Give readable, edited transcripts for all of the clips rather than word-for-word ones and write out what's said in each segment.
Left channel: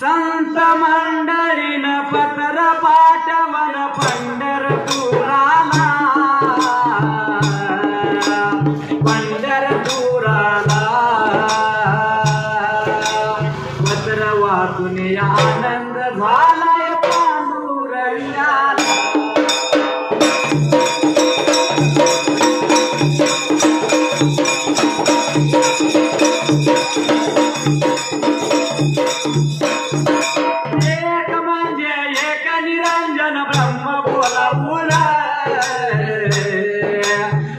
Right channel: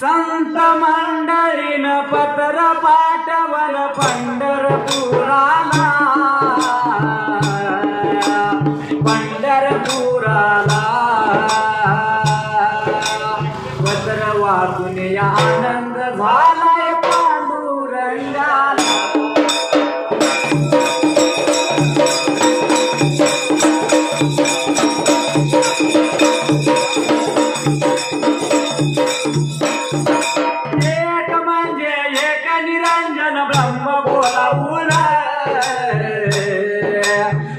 संत मंडळीन पत्र पाठवण पंढरपुराला, पंढरपुराला पत्र वाचून आनंद झालाय पांडुरंगाला। एक म्हणजे एक निरंजन ब्रह्म बोलावून,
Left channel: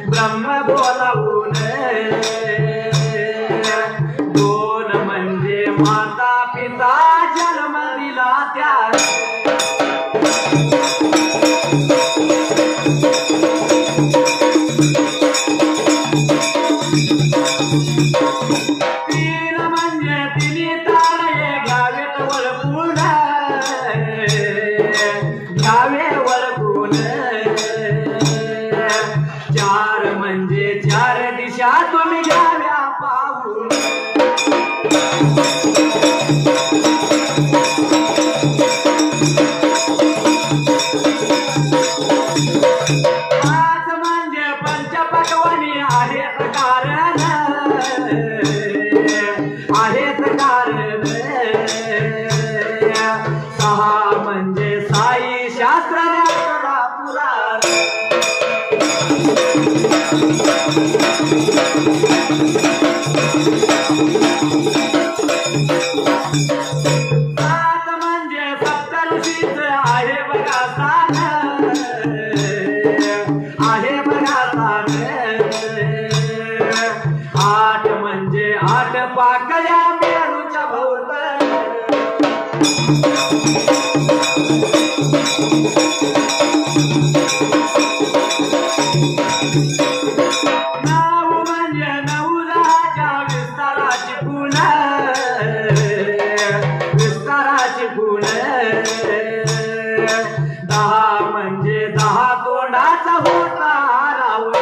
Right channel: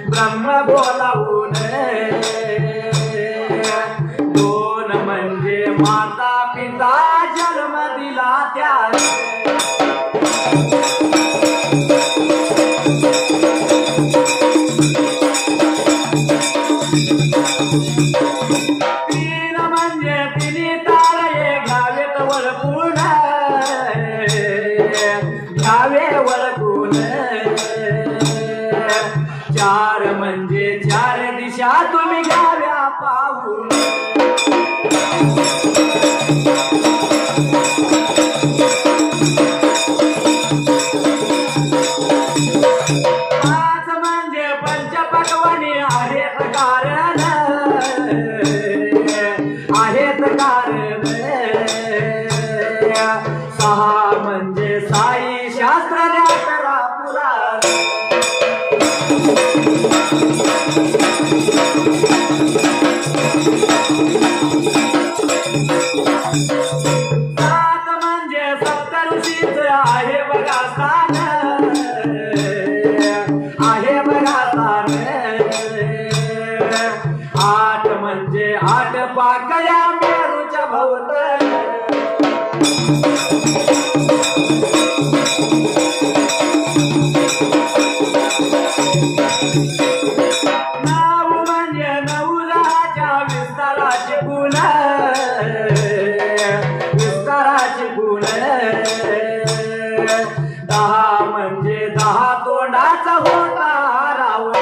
ब्रह्म बोलावून, दोन म्हणजे माता पिता जन्म दिला त्या, तीन म्हणजे तिन्ही तारे घ्यावेत वळपून, घ्यावे वळपून, चार म्हणजे चार दिशा तुम्ही घ्याव्या पाहून, पाच म्हणजे पंचपक्वान्नी आहेत कारण, आहेत कारण, सहा म्हणजे साई शास्त्र अकरा पुराण, सात म्हणजे सप्तऋषीच आहे बघा स्थान, आहे बघा स्थान, आठ म्हणजे आठ पाकळ्या मेरूच्या भोवतणी, नऊ म्हणजे नवलाच्या विस्ताराची गुण, विस्ताराची गुण, दहा म्हणजे दहा तोंडाचा होता रावण,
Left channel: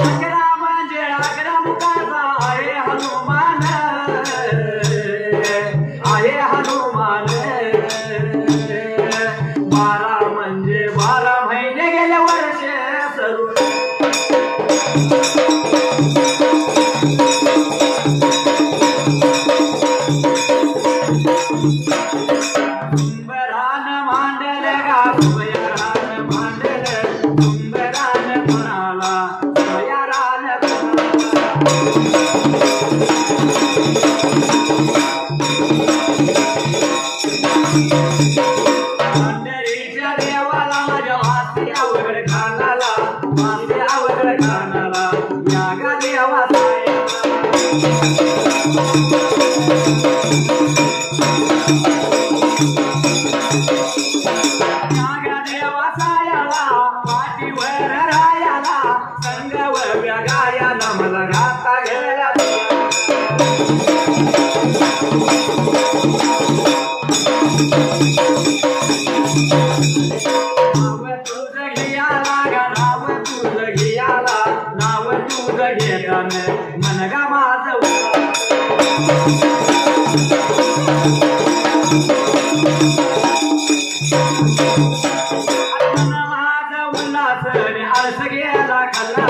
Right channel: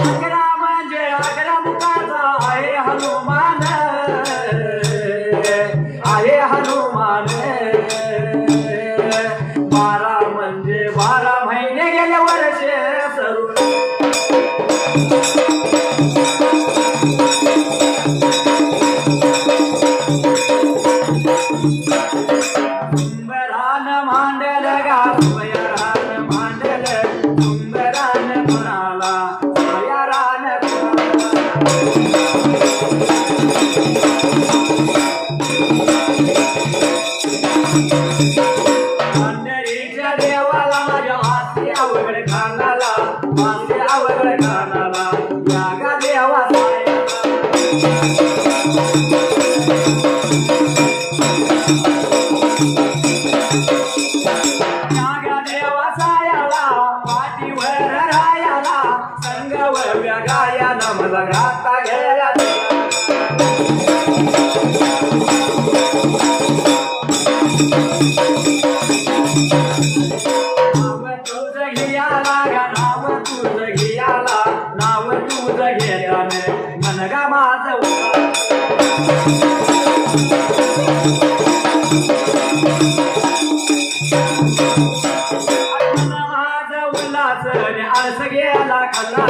अकरा म्हणजे अकरा मुखाचा आहे हनुमान, आहे हनुमान, बारा म्हणजे 12 महिने गेले वर्षे सरून, सुंदरान मांडल गा सुयरान मांडल, सुंदरान म्हणाला सुयरान पंढरीच्या देवाला माझ्या मासे अवघड खानाला, मासे अवघड खानाला यागा देवा यागा देवा सायाला, पाठीवर रायाला, संगावर गायाला मला घाता गेला, नाव तुझं घ्याला, नाव तुझं घ्याला, नाव तुझं घेता मन गा माझं, माझं उल्हास आळस गेला खाल्ला,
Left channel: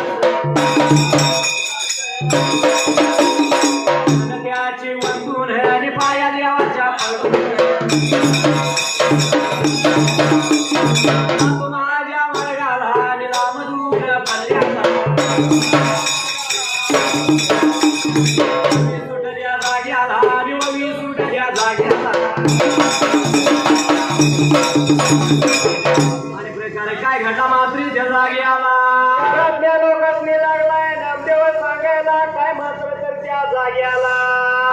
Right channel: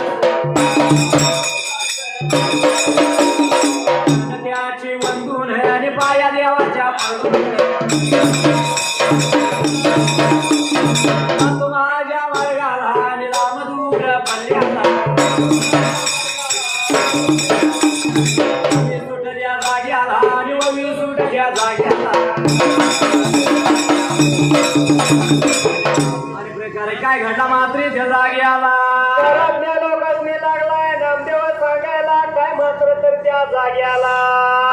त्याची वंदून आणि पाया देवाच्या माझ्या वर्गाला आणि रामदूत पल्ल्याला सुटल्या जाग्याला आणि सुटल्या जाग्याला आणि प्रकारे काय घडला मात्रीच्या जाग्याला लोकांनी लागलाय नामदेव सांगायला काय मात्र तर त्या जाग्याला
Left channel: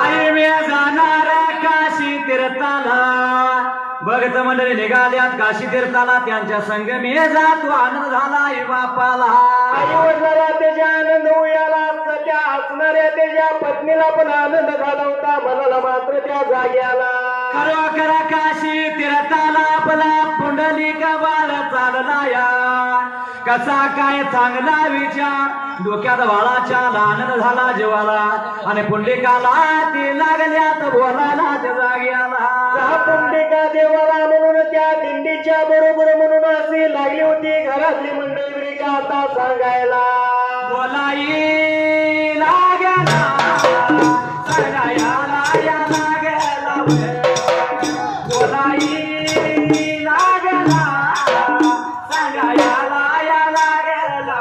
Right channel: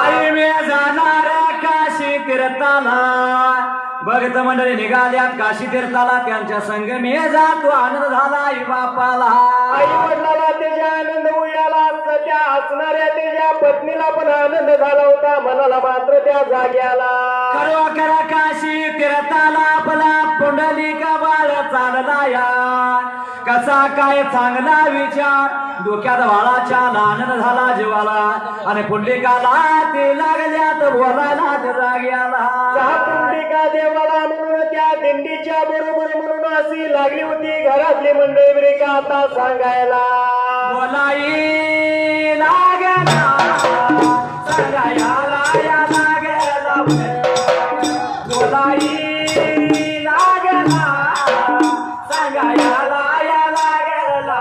आई मी जाणार काशी तीर्थाला भक्त मंडळी निघाल्यात काशी तीर्थाला त्यांच्या संग मी जातो आनंद झाला आई बापाला आई वडिलाला त्याच्या आनंद उयाला त्या हसणाऱ्या त्याच्या पत्नीला पण आनंद झाला होता मनाला मात्र त्या जाग्याला करा करा काशी तीर्थाला आपला पुंडलिक बाळ चालला या कसा काय चांगला विचार डोक्यात बाळाच्या आनंद झाला जीवाला आणि पुंडलिकाला ते लागल्यात बोलायला त्या जाग्याला पुंडलिका देवाला म्हणून त्या दिंडीच्या बरोबर म्हणून अशी लागली होती घरातली मंडळी ब्रेका आता सांगायला बोलाई लागला सांगायला या लागला बोलाई लागला सांगायला या लागला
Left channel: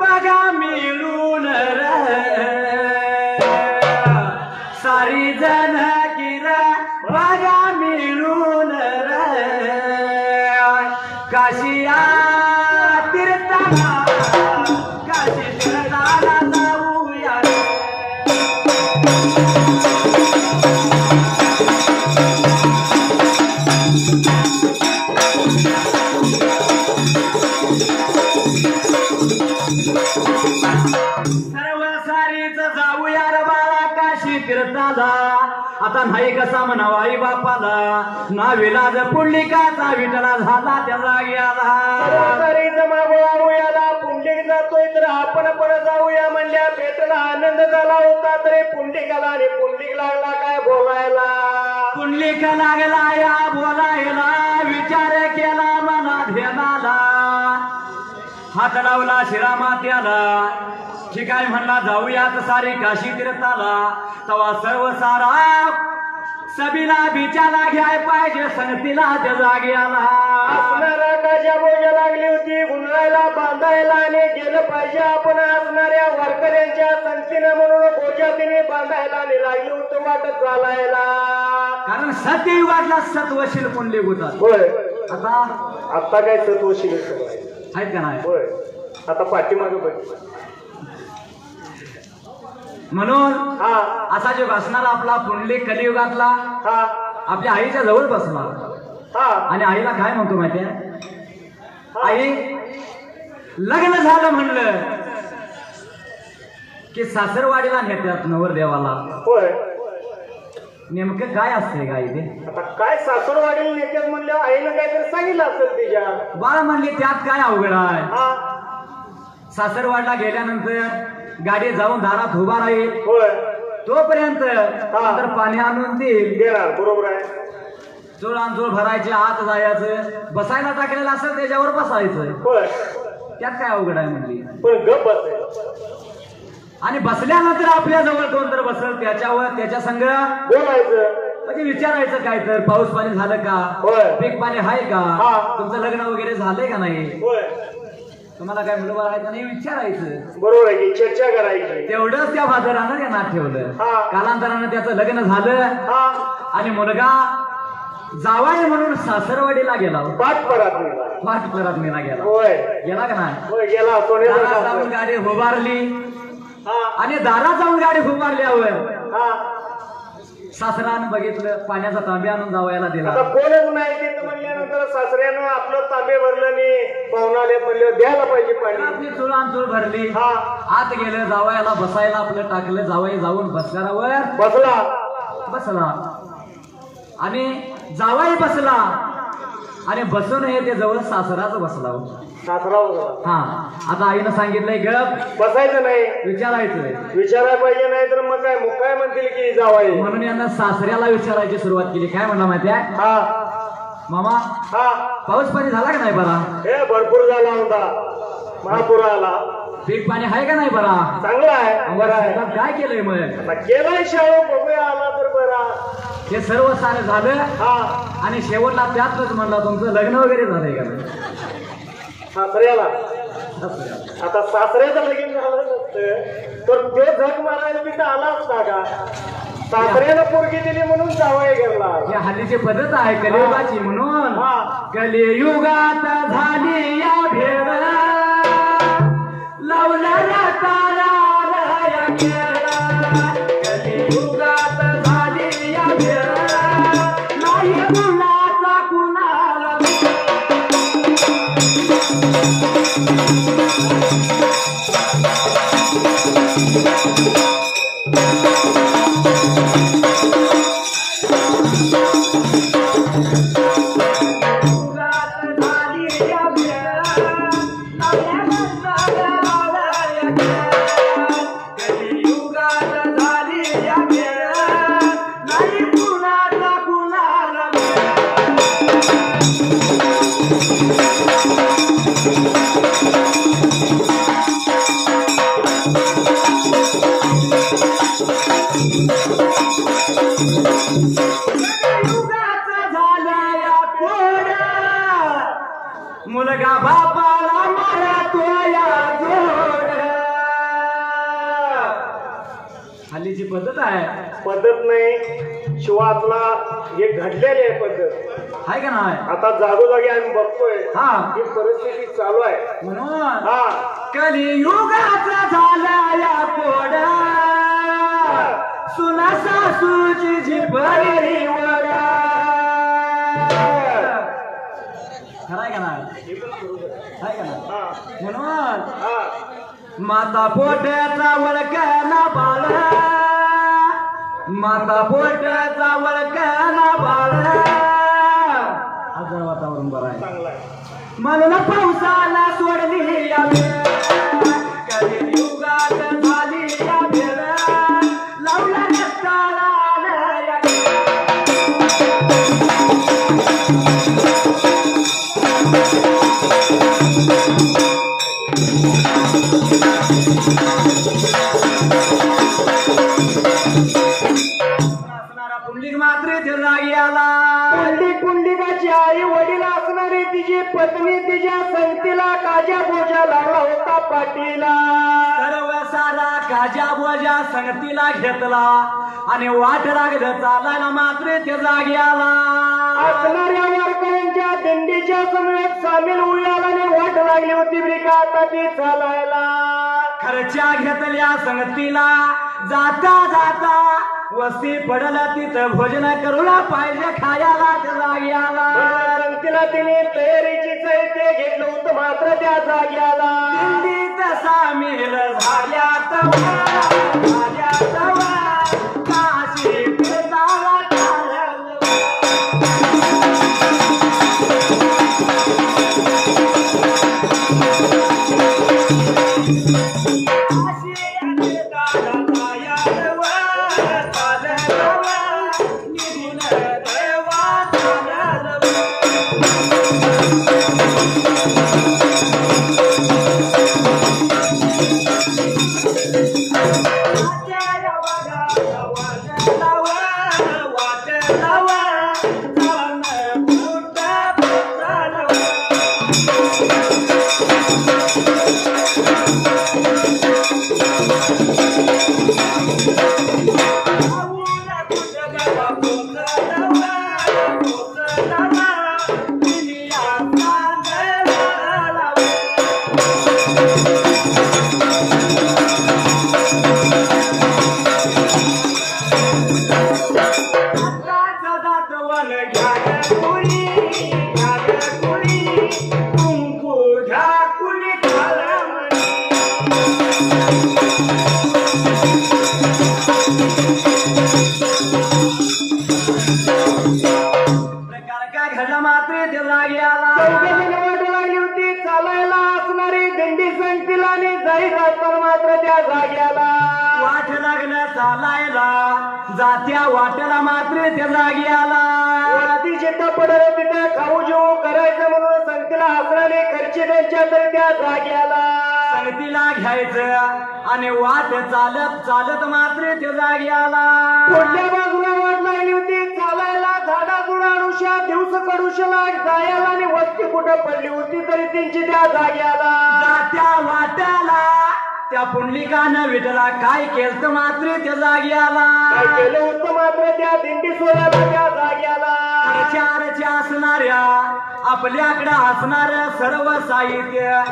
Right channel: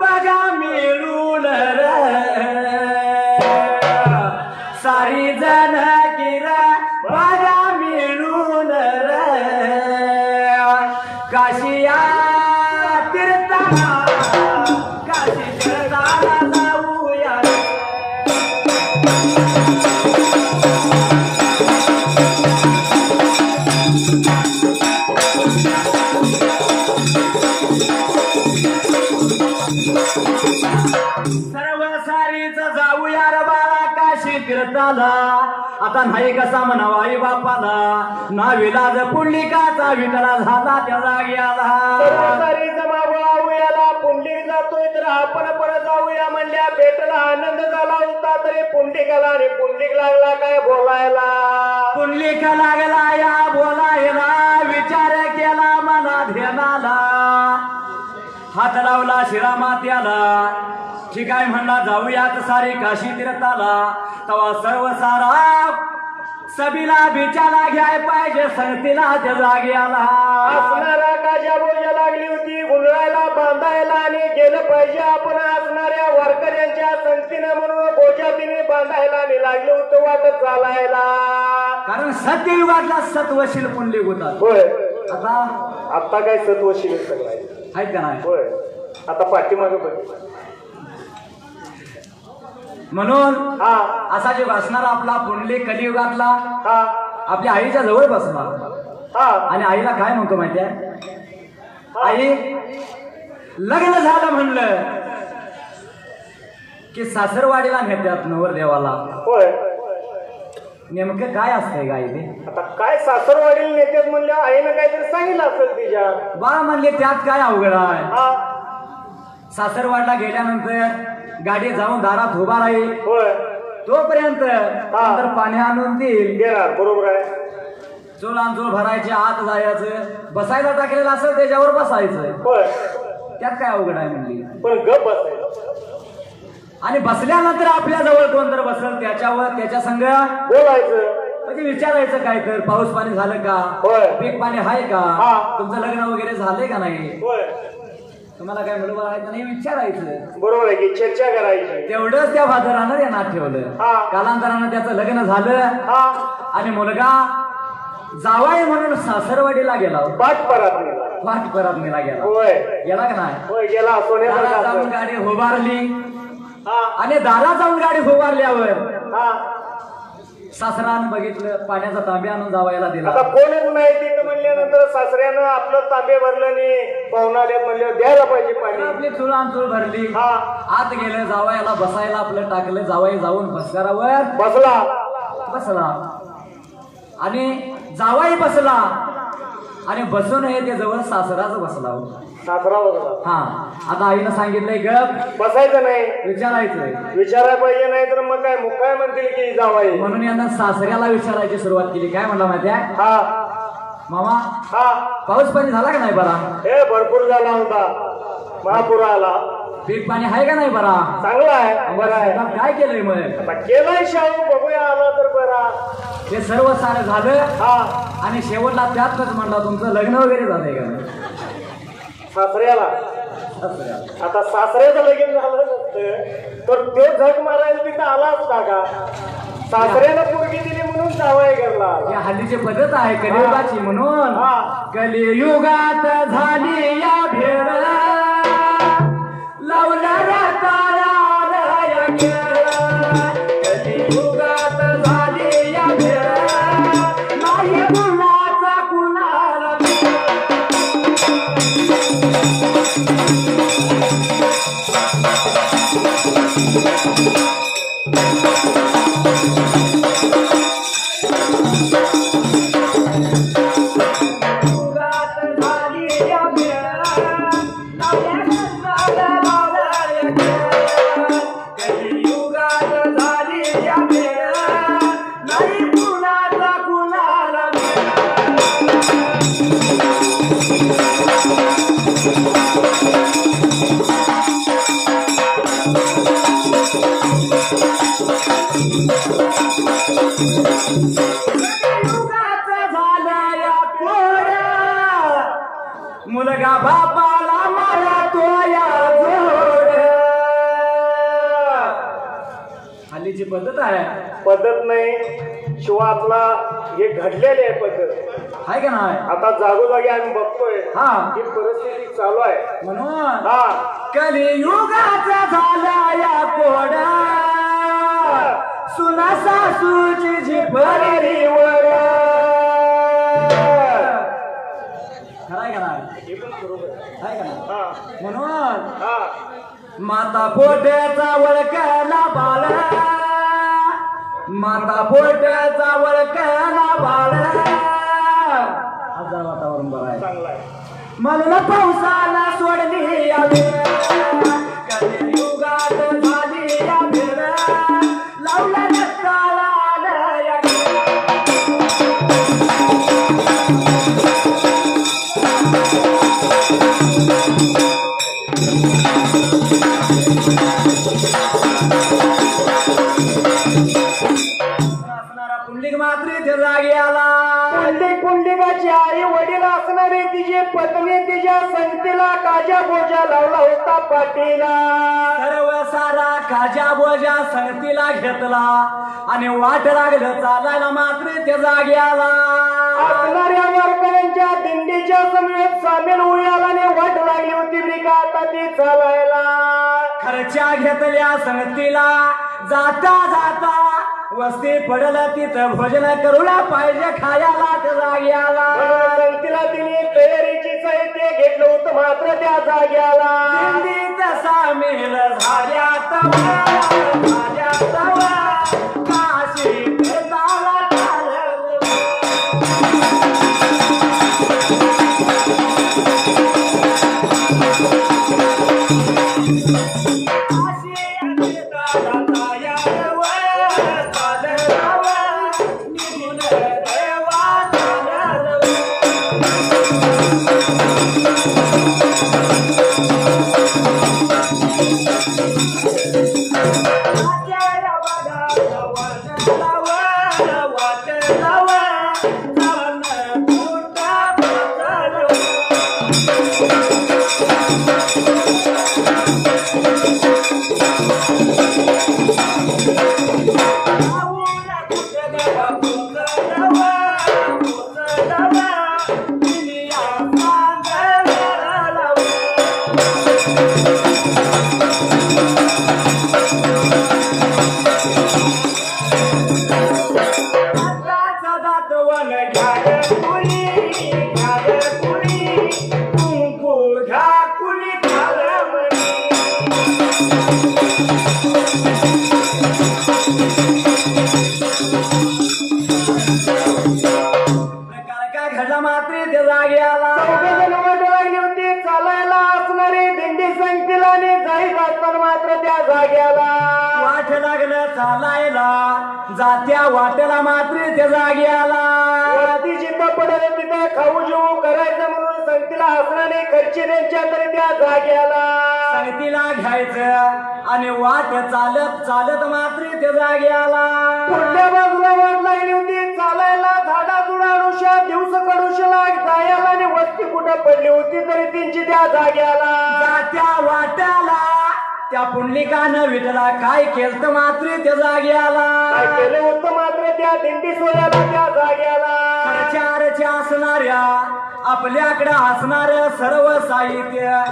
बघा मिळून सारी जण किरा बघा मिळून काशिया तीर्थाला काशी तीर्थाला जाऊया सर्व सारीचा जाऊया रे बाळा काशी तीर्थाला आता नाही कसा म्हणावा आई बापाला ना विलाज पुंडलिकाचा विठला झाला त्या जाग्याला सारीचा मागोळाऊयाला पुंडलिक जातोय तर आपण पण जाऊया म्हणल्या भेटला आनंद झाला होता तरी पुंडलिकाला आणि पुंडलिक लागला काय बोलायला पुंडलिक लागला या बोलायला विचार केला मना ध्यानाला हात लावला शिरा मात्याला ठीक आहे म्हणला जाऊयात सारे काशी तीर्थाला तवा सर्व सारा सबीला बिचाला घ्याय पाहिजे संगतीला त्या जाग्याला असणारा काच्या बोजा लागली होती गुंडायला बांधायला आणि गेलं पाहिजे आपण असणाऱ्या वारकऱ्यांच्या संगतीनं म्हणून बोजा तिने बांधायला आणि लागलं होतं वाटत चालायला कारण सत्ययुगातला सत्वशील पुंडलिक होता होय आता काय सत्वशील आहेत का नाही होय आता पाठीमागे बघितलं म्हणून असा जो असणारा आपला पुंडलिक कलियुगातला आपल्या आईच्या जवळ बसणार आणि आईला काय म्हणतो माहितीये आई लग्न झालं म्हणलं की सासरवाडीला नेत्यात नवरदेवाला होय नेमकं काय असतंय का आई ते आता काय सासरवाडीला नेत्यात म्हणलं आईनं काहीतरी सांगितलं असेल तिच्या बा म्हणले त्यात काय अवघड आहे सासरवाडला गेल्यानंतर गाडी जाऊन दारात उभा राहील तोपर्यंत नंतर पाणी आणून देईल बरोबर आहे चोळांचोळ भरायचे आत जायचं बसायला टाकलेलं असेल त्याच्यावर बसायचं त्यात काय अवघड आहे म्हणली पण गप बसायचं आणि बसल्यानंतर आपल्या जवळ कोण तर बसल त्याच्यावर त्याच्या संग बोलायचं म्हणजे विचारायचं काय तर पाऊस पाणी झालं का पीक पाणी आहे का तुमचं लग्न वगैरे झालंय का नाही तुम्हाला काय मुलगा आहे का नाही विचारायचं बरोबर आहे की चर्चा करायची तेवढंच त्या फादरानं यांना ठेवलं कालांतरानं त्याचं लग्न झालं आणि मुलगा जावाय म्हणून सासरवाडीला गेला वाटपरात नेला गेला का नाही जाऊन गाडी उभारली आणि दारात जाऊन गाडी उभारल्यावर सासरानं बघितलं, पाण्याचा तांबे आणून जावयाला दिला. आता कोणच नाही तिथं म्हणल्यानंतर सासऱ्यानं आपलं तांबे भरलं आणि पाहुणाले म्हणलं द्यायला पाहिजे पाणी. आपली चुळ भरली. आत गेलं, जावयाला बसायला आपलं टाकलं. जावई जाऊन बसल्यावर बसला आणि जावई बसला आणि बसून ते जवळ सासराच बसला. हा, आता आईनं सांगितलंय गप बसायचं नाही, विचारायला पाहिजे. नाही तर मग काय मुक्काय म्हणतील की जावई. म्हणून यांना सासऱ्याला विचारायची सुरुवात केली. काय म्हणला माहितीये मामा, पाऊस पाणी झाला का नाही बरा? हे भरपूर झाला होता, महापूर आला. पीक पाणी आहे का नाही बरा? चांगला आहे. बरं आहे. काय केलंय मग? केलंय शाहू, बघूया आला तर बरा. हे सर्व सारं झालं आणि शेवटला त्यातच म्हणला तुमचं लग्न वगैरे झालंय का? सासऱ्याला आता सासऱ्याचं लगीन झालं नसतं तर ते झक मारायला तिथं आला असता का? सासऱ्याला पोरगी दिली म्हणून जावई घरला. या हल्लीची पद्धत आहे कलियुगाची. म्हणून कलियुगात झाली या भेद, लावणाऱ्या ताराला कलियुगात झाली या भेद, नाही कुणाचा कुणाला. मुलगा बापाला मारतो या जोड. हल्लीची पद्धत आहे. पद्धत नाही शिवाय आपला हे घडलेली आहे पद्धत आहे का नाही? आता जागोजागी आम्ही बघतोय ही परिस्थिती चालू आहे. म्हणून कलियुगाचा झाला या कोडा, सुना सासूची झिपरी वर. खराय का नाही? म्हणून माता पोटाचा वळकाला बाळ, माता पोटाचा वळकाला बाळ. आज वातावरण बरं आहे. म्हणून पावसाला सोडली या कलियुगात झाली या भेड, लावला रक्ताला पुंडलिक मात्र जागी आला. पुंडलिकाची आई वडील असणारी तिची पत्नी तिच्या संगतीला काजा बोजा लावला होता पाठीला. सर्व सारा काजा बोजा संगतीला घेतला आणि वाट लागलं चालायला मात्र ते जागी आला. असणाऱ्या वारकऱ्यांच्या दिंडीच्या समेत सामील होऊयाला आणि वाट लागली होती बिका आता ती चालायला. खर्च्या घेतल्या संगतीला जाता जाता वस्ती पडल तिथं भोजन करूला पाहिजे खायला त्या जागी आला. संगतीला तिने तयारीची साहित्य घेतलं होतं मात्र त्या जागी आला. दिंडीत सामील झाल्यात काशी भेटाला जात्या वाट्याला मात्र ते जागी आला वरती जिथं पडलं तिथं खाऊ जेवू करायचं म्हणून संगतीला हसणारे खर्चे त्यांच्या तर त्या जागी आला संगतीला घ्यायचं आणि वाट चालत चालत मात्र ते जागी आला पुढल्या बाजूला वाट लागली होती चालायला झाडा जुडाडुशा दिवस कडुशला जायला आणि वस्ती कुठं पडली होती तरी त्यांची त्या जागी आला जात्या वाट्याला त्या पुंडलिकानं विठला काय केलं मात्र त्या जागी आला काय केलं होतं मात्र त्या दिंडी सोयाला त्या जागी आला चारच्या असणाऱ्या आपल्याकडे असणार सर्व साहित्य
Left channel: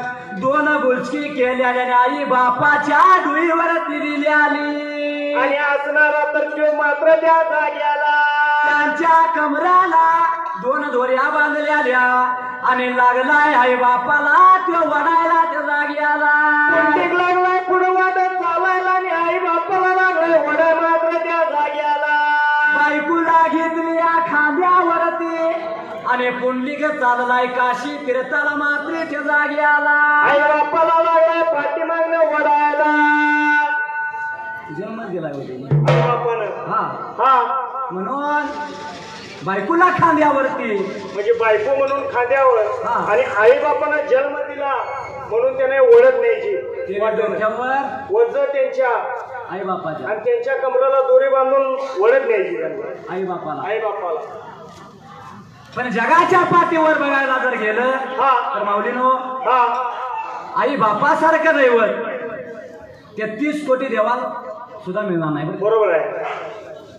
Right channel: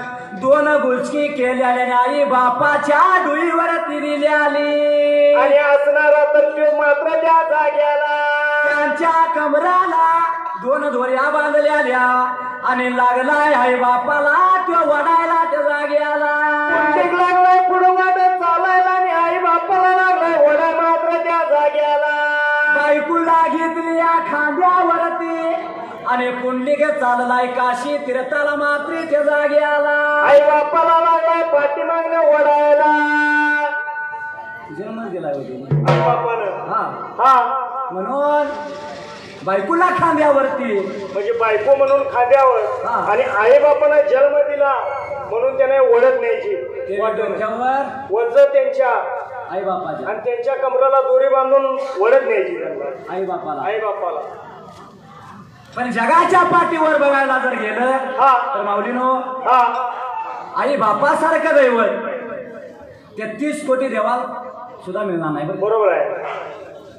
दोन गुलकी केलेल्या आई बापाच्या डोईवरती दिली आली आणि असणारा तर तो मात्र त्या जाग्याला त्यांच्या कमराला दोन दोऱ्या बांधलेल्या आणि लागलाय आई बापाला तो वडायला त्या जाग्याला पुंडलिक लागलाय पुढं वाटत चालायला आणि आई बापाला लागलाय वडा मात्र त्या जाग्याला बायकोला घेतली खांद्यावरती आणि पुंडलिक चाललाय काशी तीर्थाला मात्र त्या जाग्याला आई बापाला लागलाय पाठीमागनं वडायला जन्म दिलाय होते आई बापानं हा म्हणून बायकोला खांद्यावरती म्हणजे बायको म्हणून खांद्यावर हा. आणि आई बापाला जन्म दिला म्हणून त्याने ओढत न्यायची डोक्यावर वज त्यांच्या आई बापाच्या आणि त्यांच्या कमराला दोरी बांधून ओढत न्यायची त्यांना आई बापाला आई बापाला पण जगाच्या पाठीवर बघायला जर गेलं हा तर माऊलीनो हा आई बापासारखं दैवत 33 कोटी देवाल सुद्धा मिळणार नाही बरं बरोबर आहे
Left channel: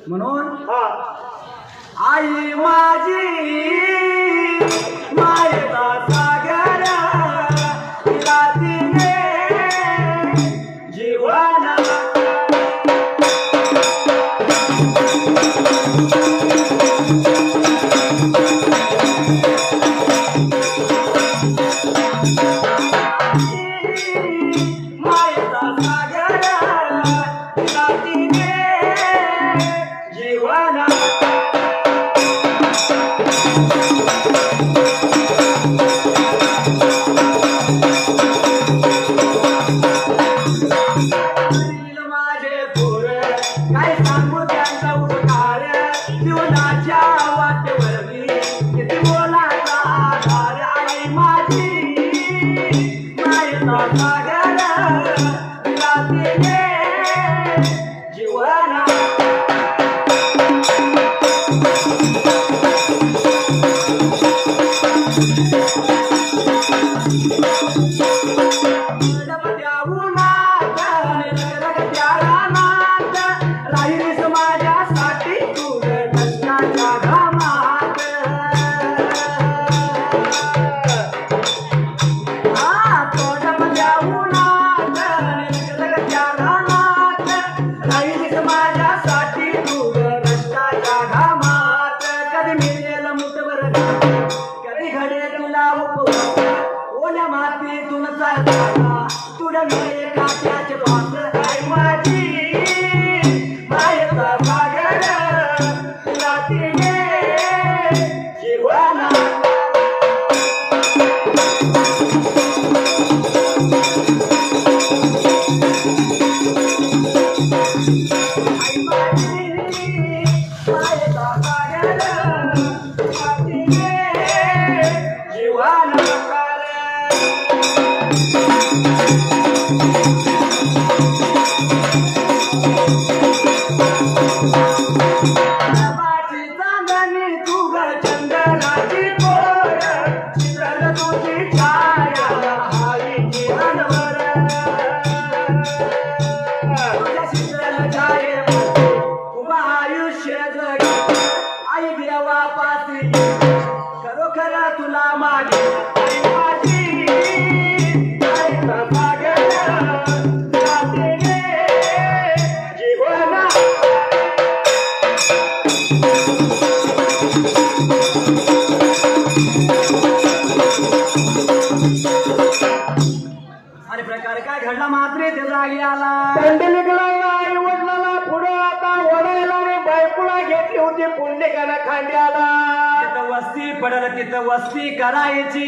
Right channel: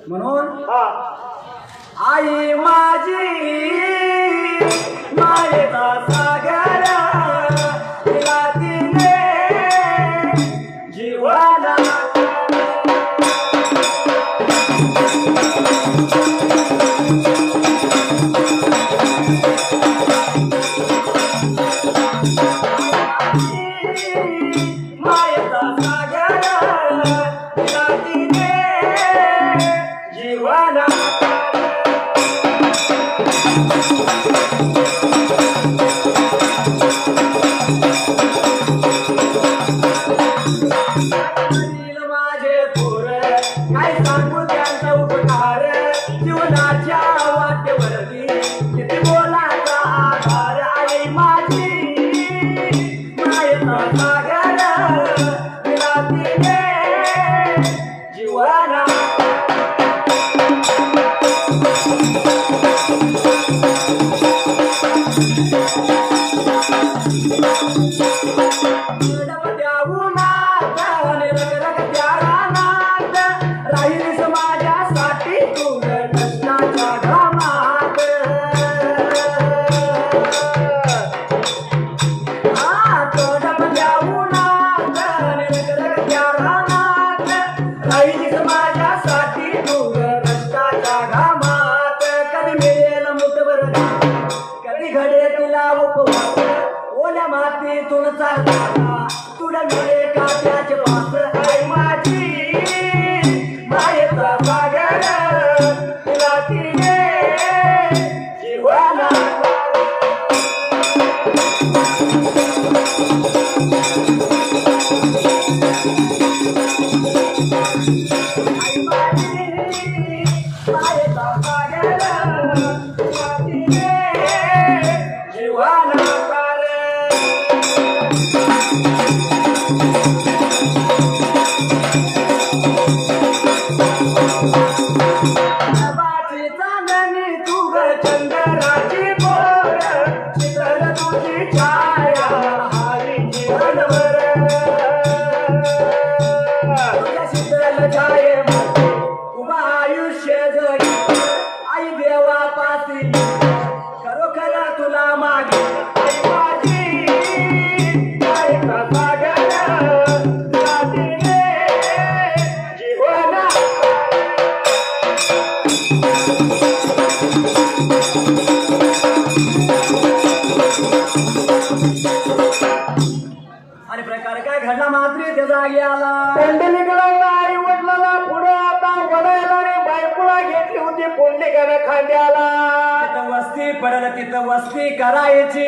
म्हणून हा आई माझी मायेचा सागर तिला तिने जीवना मायेचा सागर तिला तिने जीवना माझे थोर काय सांगू त्यांचा उपकार जीवनाच्या वाटेवरती किती बोलाचा आधार आई माझी मायेचा सागर तिला तिने जीवना राहिली समाजासाठी तू कष्टाच्या घामात राहिली समाजासाठी तू कष्टाच्या घामात कधी मिळेल मुठभर कधी घडे तुला उपवास ओल्या मातीतून चालताना तुला मिळे काट्याचे पास आई माझी मायेचा सागर तुला तिने जीवना आई माझी मायेचा सागर तुला तिने जीवना बाची चांदणी तुग चंद्राची पोर चित्र तुझी छाया हवी जीवनभर तुझ्या शीतल छाये उभा आयुष्य जगी आई देवापासी खरोखर तुला मागे आई माझी आईचा सागर तुला तिने जीवना अरे प्रकार काय घडला मात्र त्या जागी आला पुंडलिक लागला आई वडिलाला पुढं आता ओढायला आणि बायकोला घेतली होती पुंडलिकानं खांद्याला तिथं वस्ती पडल तिथं वस्ती करायची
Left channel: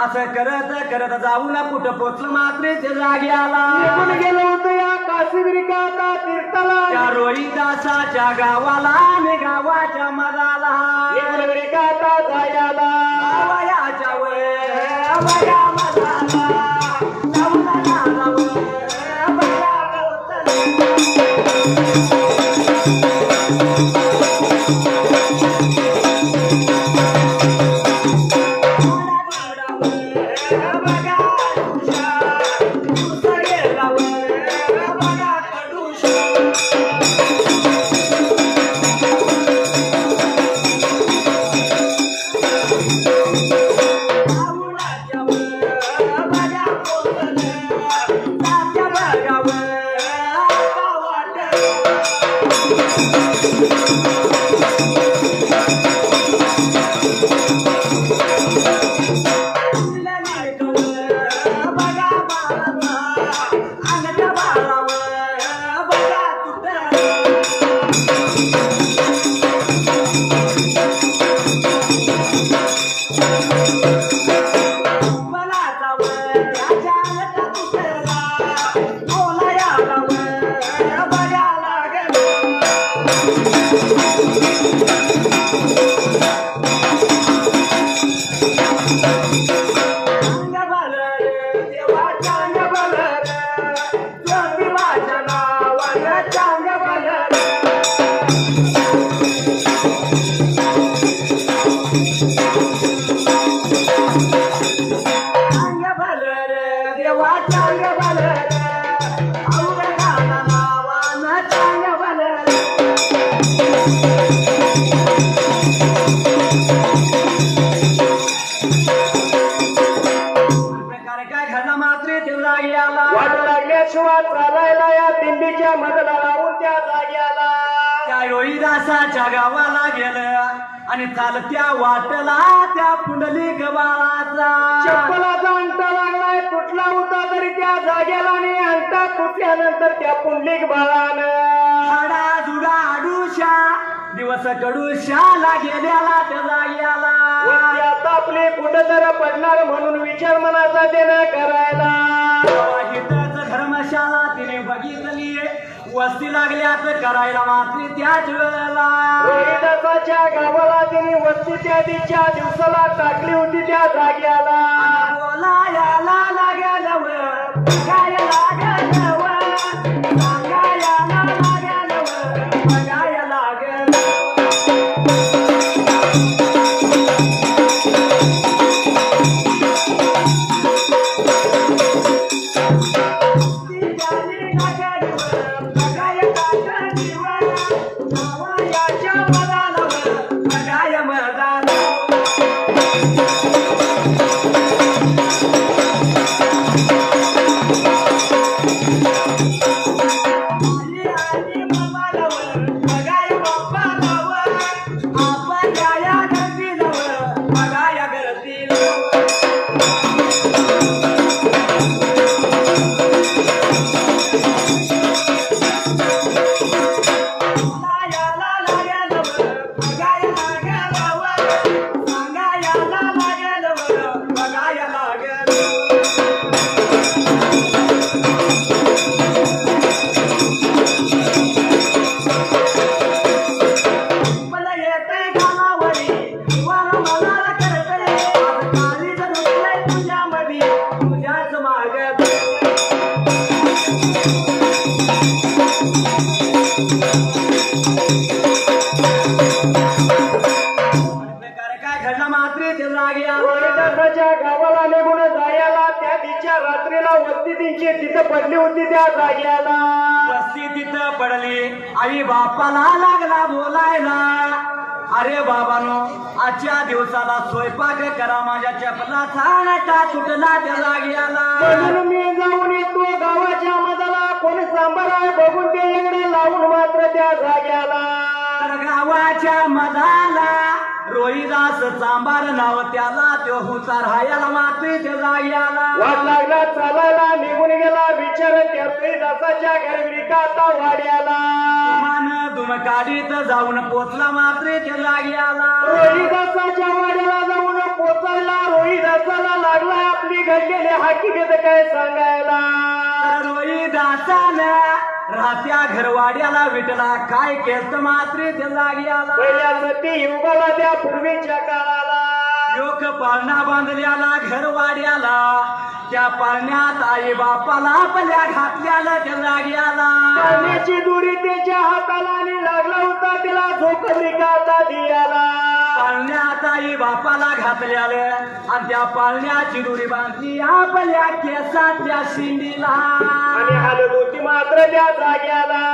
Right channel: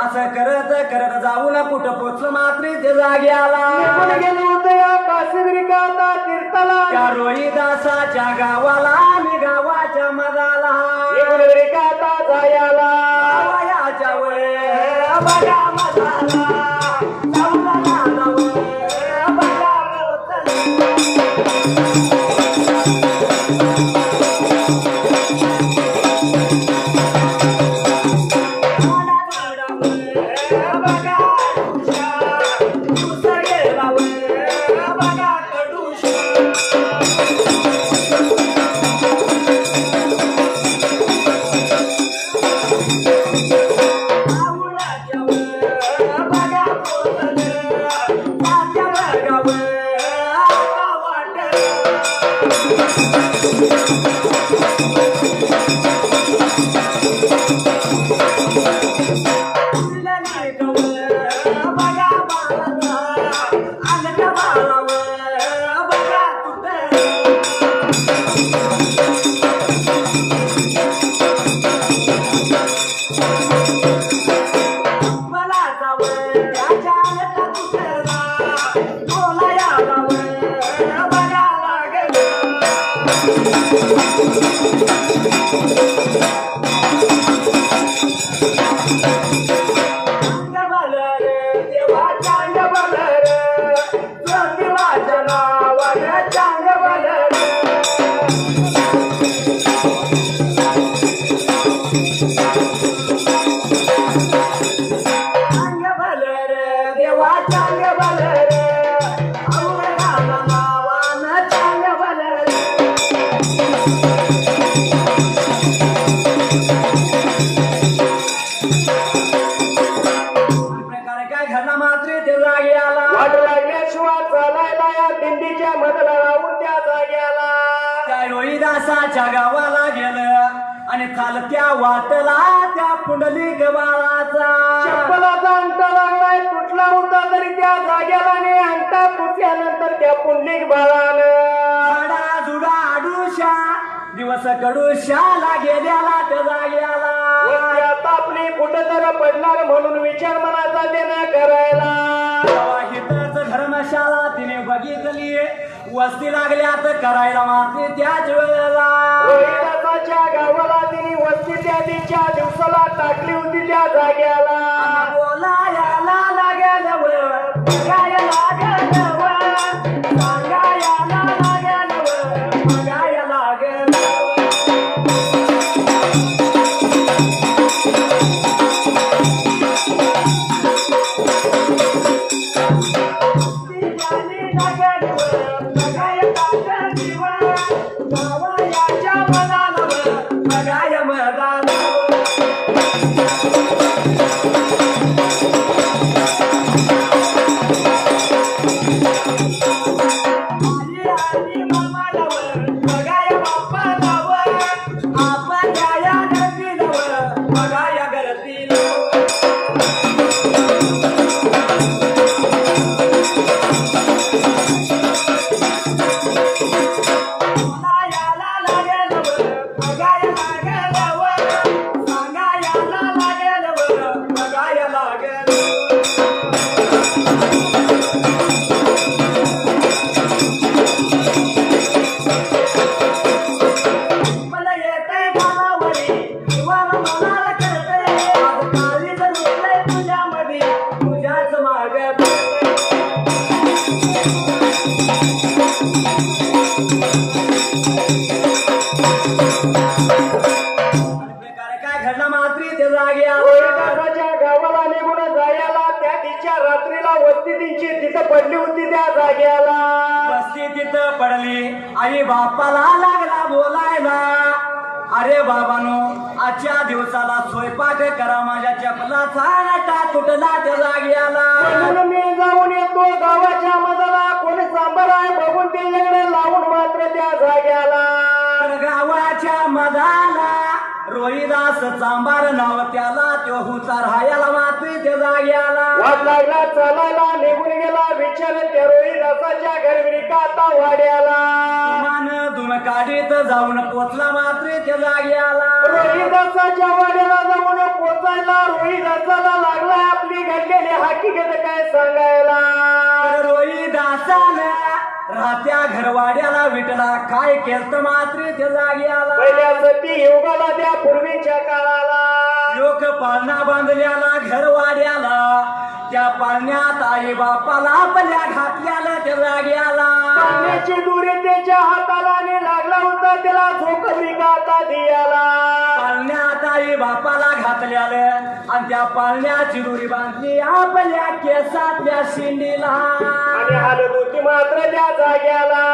असं करत करत जाऊन कुठं पोचलं मात्र त्या जागी आला निघून गेलं होतं या शिबिरिकाता तीर्थाला त्या रोहिदासाच्या गावाला आणि गावाच्या मधाला शिबिरिकाता जायाला वयाच्या वर बघा मधाला जाऊला वर बघा रोहिदासाच्या गावाला गेलं आणि चालत्या वाटला त्या पुंडलिक बाळाचा चप्पलाचा अंगठा लागलाय तुटला होता तरी त्या जाग्याला नाही अंगठा तुटल्यानंतर त्या पुंडलिक बाळानं हाडा जुडा आडूशा दिवस कडूशाला गेल्याला त्या जाग्याला आता आपली कुठं पडणार म्हणून विचार मनाचा देणं करायला हितच धर्मशाला तिने बघितली वस्ती लागल्यात करायला मात्र त्याच वेळेला रोहिदासाच्या गावाला तिने वस्ती त्या दिवसाला टाकली होती त्या जाग्याला बोलायला लागल बघाय लागल सांगायला लागल बघाय लागल पडली होती त्या जाग्याला वस्ती तिथं पडली आई बापाला लागला बोलायला अरे बाबानो आजच्या दिवसाला स्वयंपाक करा माझ्या चपलाचा आटा तुटला त्या जाग्याला म्हणून मी जाऊन येतो गावाच्या मधाला कोणी सांबार बघून ते एवढं लावून मात्र त्या जाग्याला गावाच्या मधाला रोहिदास चांबार नाव त्याला तो हुतार हायाला मात्री त्या जाग्याला वाट लागला चालायला निघून गेला विचार त्या रोहिदासाच्या घरविकाता वाड्याला मान दुमकाडीत जाऊन पोचला मात्री त्या जाग्याला रोहिदासाच्या वाड्याला जाऊन पोचायला रोहिदासाला लागला आपली घडलेली हकीकत काय सांगायला रोहिदासानं राहत्या घरवाड्याला विटला काय केलत मात्री त्या जागी आला पहिल्या सती युगाला त्या पूर्वीच्या काळाला लोक पाळणा बांधल्याला घरवाड्याला त्या पाळण्यात आई बापाला आपल्या घातल्याला त्या जागी आला पाळण्याची दुरी त्याच्या हाताला आणि लागला होता त्याला झोक रिकाता दियाला पाळण्यात आई बापाला घातल्याला आणि त्या पाळण्याची दुरी बांधली आपल्या केसातल्या शिंडीला आणि हालत होती मात्र त्या जाग्याला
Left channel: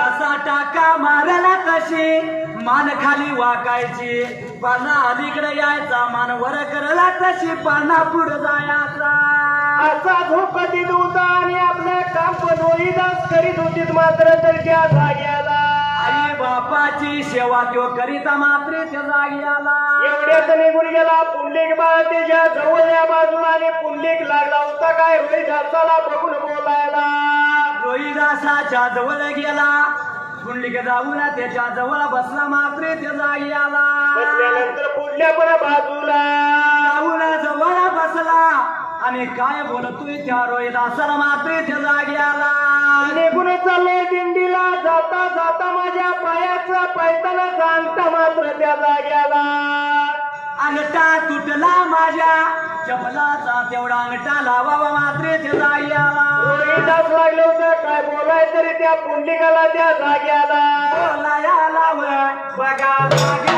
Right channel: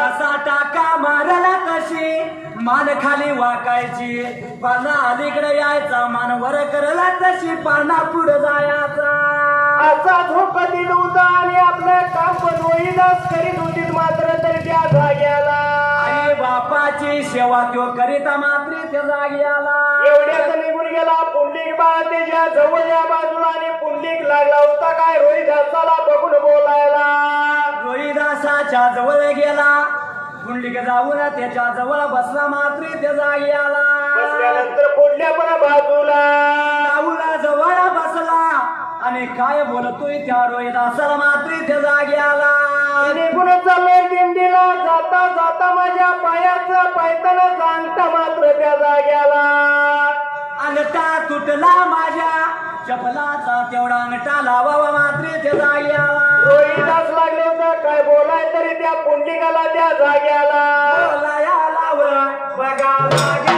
तसा टाका मारला तशी मान खाली वाकायची पाळणा अलीकडे यायचा मान वर करला तशी पाळणा पुढे जायचा असा झोक देत होता आणि आपलं काम पण रोहिदास करीत होती मात्र तर त्या जाग्याला आई बापाची सेवा तो करीता मात्र त्या जागी आला एवढ्यात निघून गेला पुंडलिक बाळ त्याच्या जवळ या बाजूला आणि पुंडलिक लागला होता काय रोहिदासाला बघून बोलायला रोहिदासाच्या जवळ गेला पुंडलिक जाऊन त्याच्या जवळ बसला मात्र त्या जागी आला बसल्यानंतर पुढल्या पण बाजूला जाऊन जवळ बसला आणि काय बोलतोय त्या रोहिदासाला मात्र त्या जागी आला निघून चाललोय दिंडीला जाता जाता माझ्या पायाचा पैताना जाणता मात्र त्या जाग्याला अंगठा तुटला माझ्या चपलाचा तेवढा अंगठा लावावा मात्र त्या जागी आला रोहिदास लागले होतं काय बोलाय तरी त्या पुंडलिकाला त्या जाग्याला बोलाया लावय बघा लागे